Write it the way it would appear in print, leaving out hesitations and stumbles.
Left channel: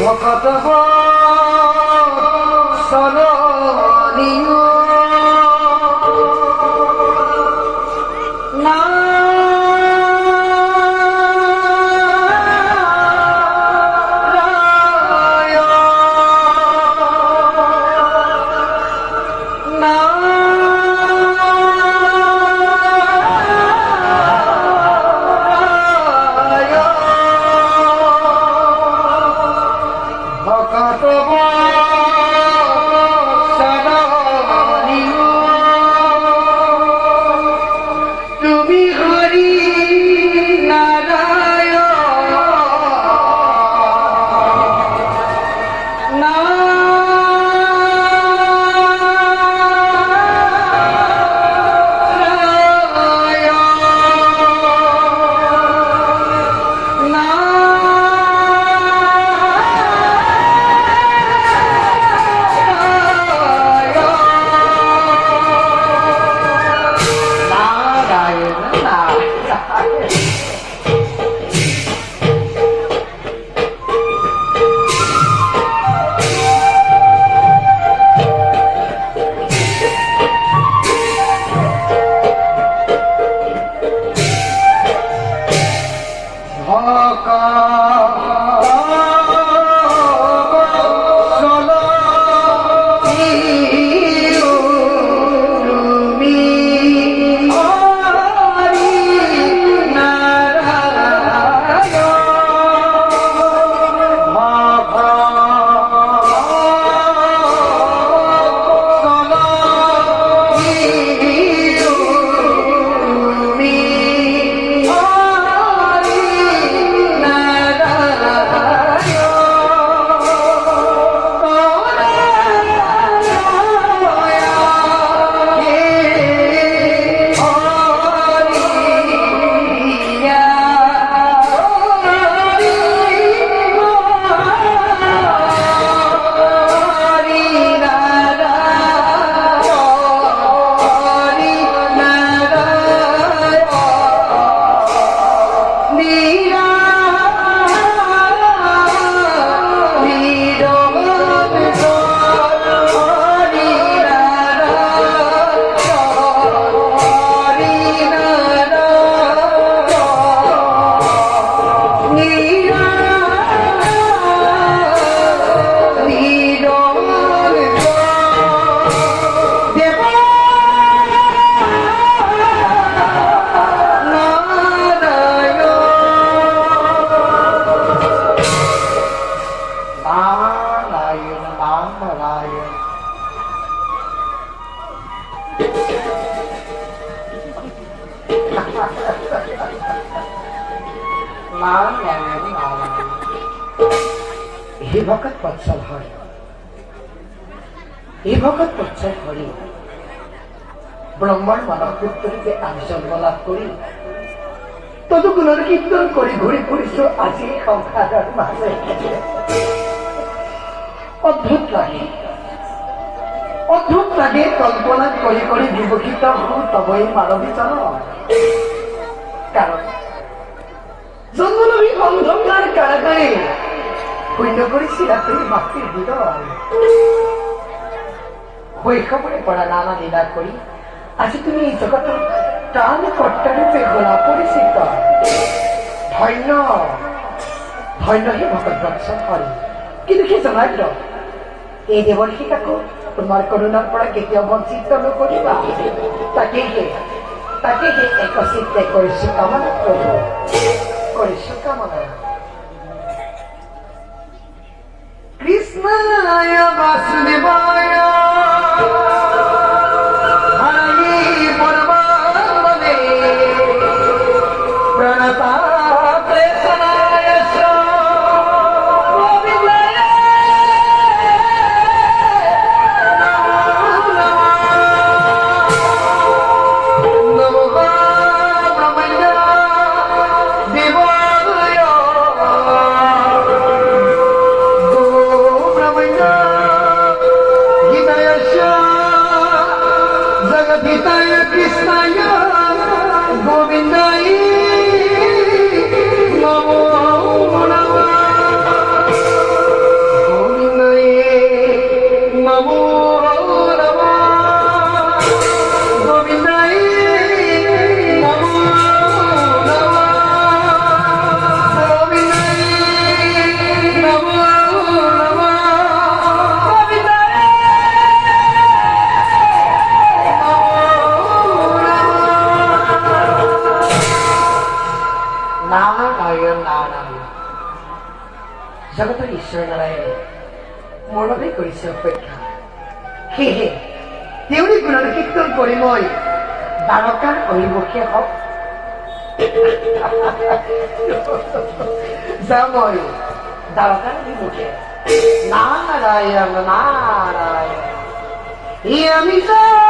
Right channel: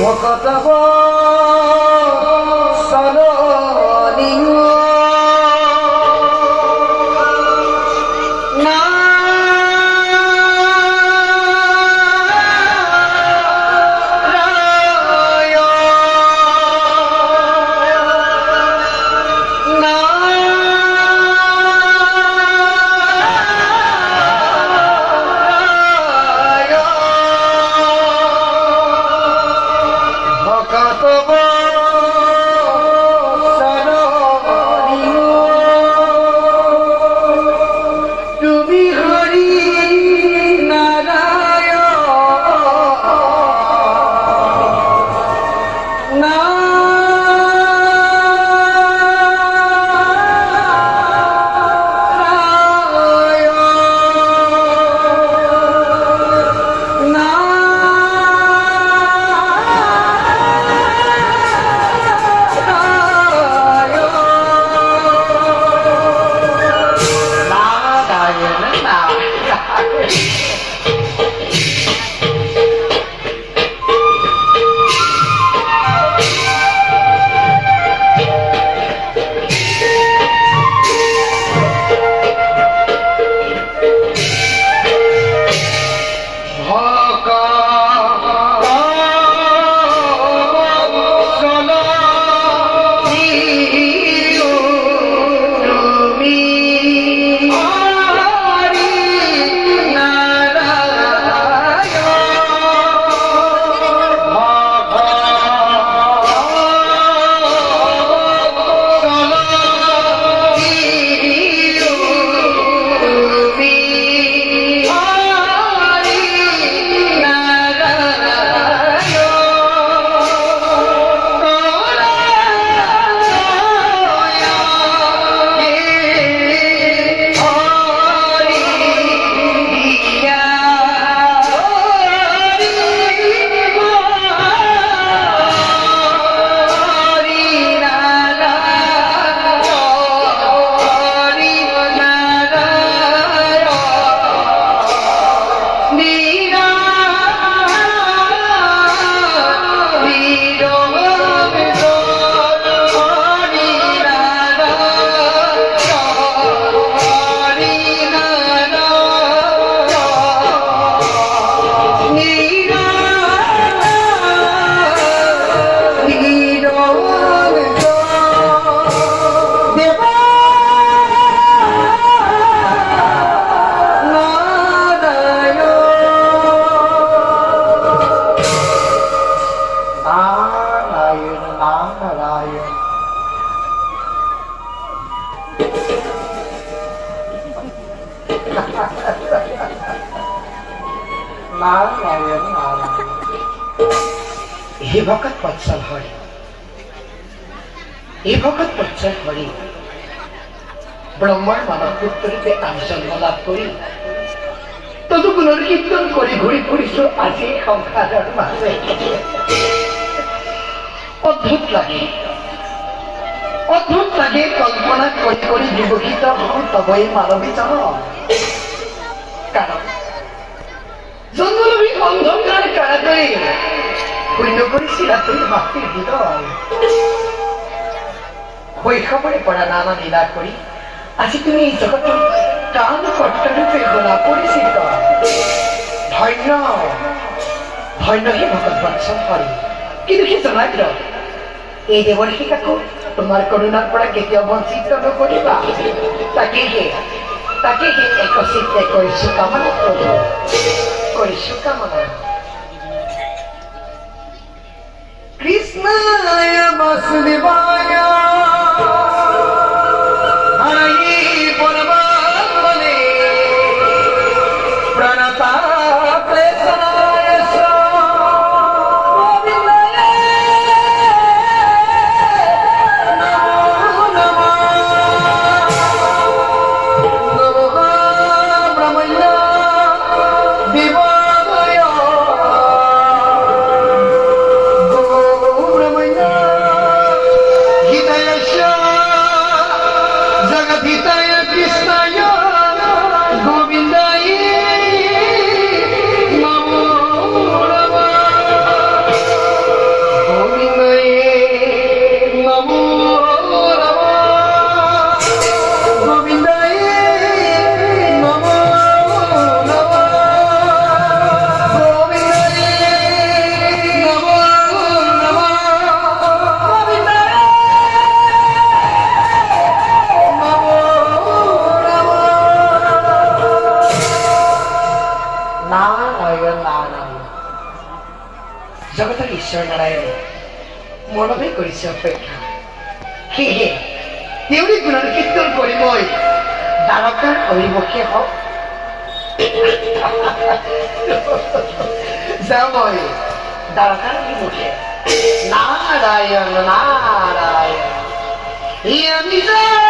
وكتب صلاني हे भगत वत्सल हरि, हे भगत वत्सल हरि ब्रह्मार मानव पुत्रीते आमी जन्म लाभ करी तदुगुणर कीर्तन करी घुरी फुरिছো আজি সংসাৰৰ মাজে। অদ্ভুত লাগে কল্পনা কৰি কৰি বিভূষিত হওঁ তবই মানৱী জন। কাৰণ জন্মলভী অন্ধকাৰ কাৰাগাৰে শূন্য কৰিছিলা তুমি মাতৃৰ হৃদয়। শৈশৱৰে পৰা নানা লীলা কৰি আজি তুমি জগতৰ প্ৰাণ কৰ্তাৰূপে গলা পৰিচিত। ধন্য ধন্য হে ভগত বৎসল হৰি। কিন্তু সি জনাই দিয়ক এই দেৱৰ্ষিকাকো তোমাৰ কৰুণাৰ পৰা কেতিয়াও বঞ্চিত নকৰিবা। তাকেহে একচিত্তে কৰিছো কামনা কৃষ্ণায় বাসুদেৱায় হৰি পৰমাত্মনে প্ৰণতা जगदीताय कृष्णाय गोविंदाय नमो नमः। ঈশ্বৰ নাৰায়ণ মোৰ বাবে কৰিছে অপেক্ষা সেয়েহে তেওঁৰে গুণানুকীৰ্তন কৰি মই দ্বাৰকাৰ অভিমুখে হওক যাওঁ মই দ্বাৰকাৰ অভিমুখে নাৰায়ণ নাৰায়ণ আমি যাওঁ